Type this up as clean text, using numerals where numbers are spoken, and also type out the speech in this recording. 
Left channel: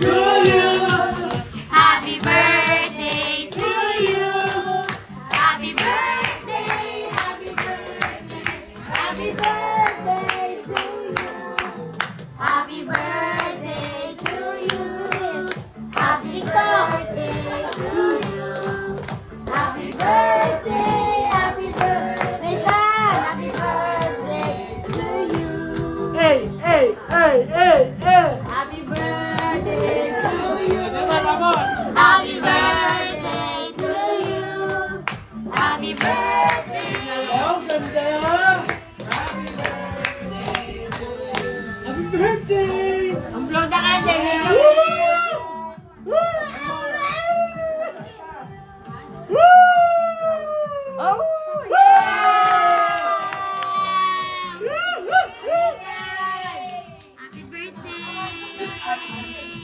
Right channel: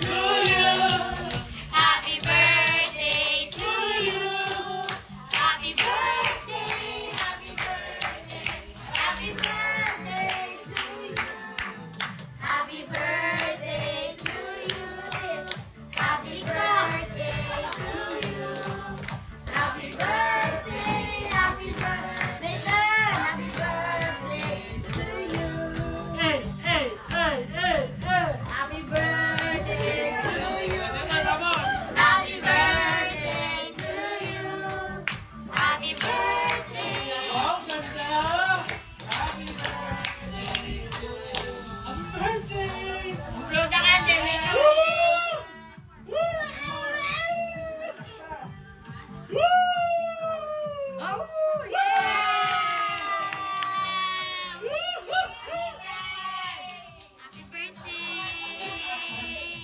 to you. Happy birthday to you. Happy birthday, happy birthday. Happy birthday to you. Happy birthday to you. Happy birthday to you. Happy birthday, happy birthday, son. Happy birthday to you. Hey, hey, hey, hey, hey. Happy birthday to you. Tapos. Happy birthday to you. Happy birthday. Ang ganda yan. Happy birthday. Ang vlog na ka, Daniel. Oh, yeah! Happy birthday!